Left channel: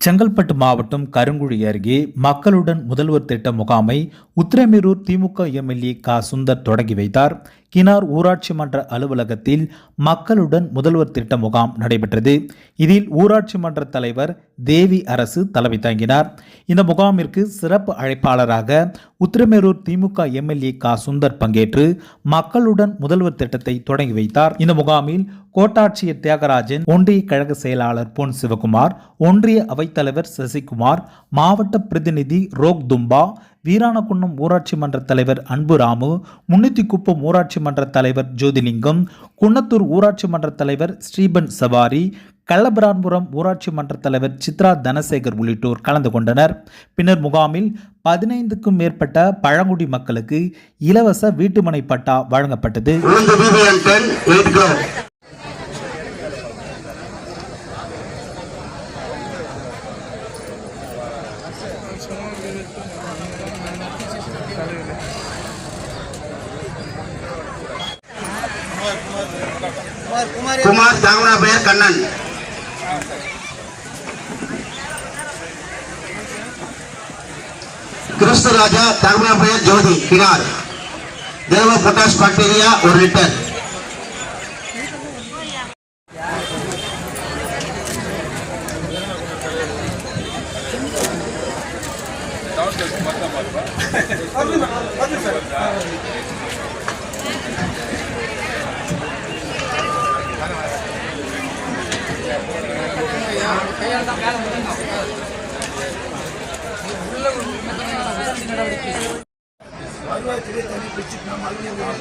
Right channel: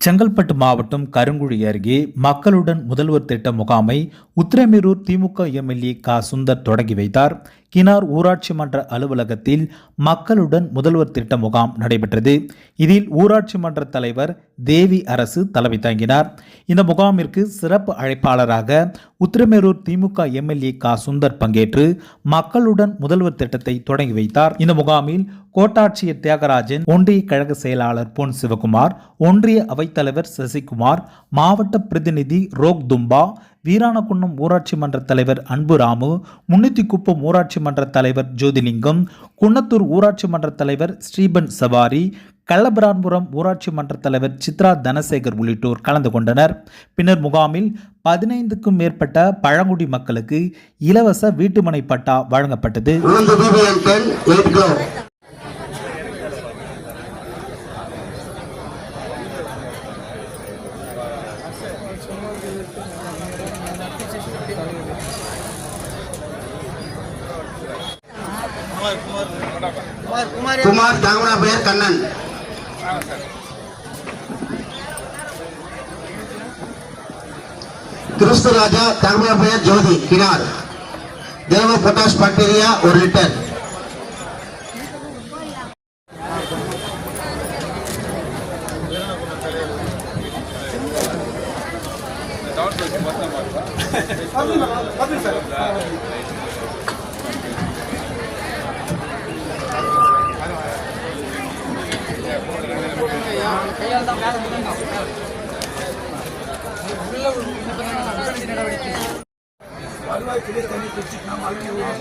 செங்கல்பட்டு மாவட்டம் கருங்குழி அருகே மக்களுடன் முதல்வர் திட்ட முகாமை உத்திரமேரூர் திமுக எம்எல்ஏ க. சுந்தர் தொடங்கி வைத்தார். கினார் ஊராட்சி மன்ற அலுவலகத்தில் மக்களுடன் முதல்வர் திட்ட முகாம் நடைபெற்றது. இதில் ஊராட்சி மன்ற தலைவர் தேவி அரசு தலைமை தாங்கினார். இந்த முகாமிற்கு சிறப்பு அழைப்பாளராக உத்திரமேரூர் திமுக எம்எல்ஏ க. சுந்தர் பங்கேற்று மக்களுடன் முதல்வர் திட்டத்தை தொடங்கி வைத்தார். இந்த முகாமில் கோட்டாட்சியர் தியாகராஜன் ஒன்றிய கழக செயலாளர் பொன் சிவகுமார் ஒன்றிய அவைத்தலைவர் சசிகுமார் மாவட்ட பிரதிநிதி ரோக் தும்பா வீராணக்குன்னம் ஊராட்சி மன்ற தலைவர் அன்புராமு முன்னூத்திக்குப்பம் ஊராட்சி மன்ற தலைவர் ஜோதிலிங்கம் குன்னத்தூர் ஊராட்சி மன்ற தலைவர் ஸ்ரீபன் சவாரி கள்ளபிரான்புரம் ஊராட்சி மன்ற தலைவர் சித்ரா தனசேகர் உள்ளிட்டோர் கலந்து கொண்டனர். பின்னர் முகாமில் பதினைந்துக்கும் மேற்பட்ட பழங்குடி மக்களுக்கு இலவச வீட்டுமனை பட்டா வழங்கப்பட்டது. குமார் தாங்குனா பெயர் கண்ணன் கிறிஸ்துராஜா தாங்குனா பெயர் ஜோதி கினார் தேவ பிரகாஷ் பாக்டீரியா ஒரு லிட்டர் Thank you. அறுபத்தி தனி பிரிச்சு நம்ம அலுவலகம்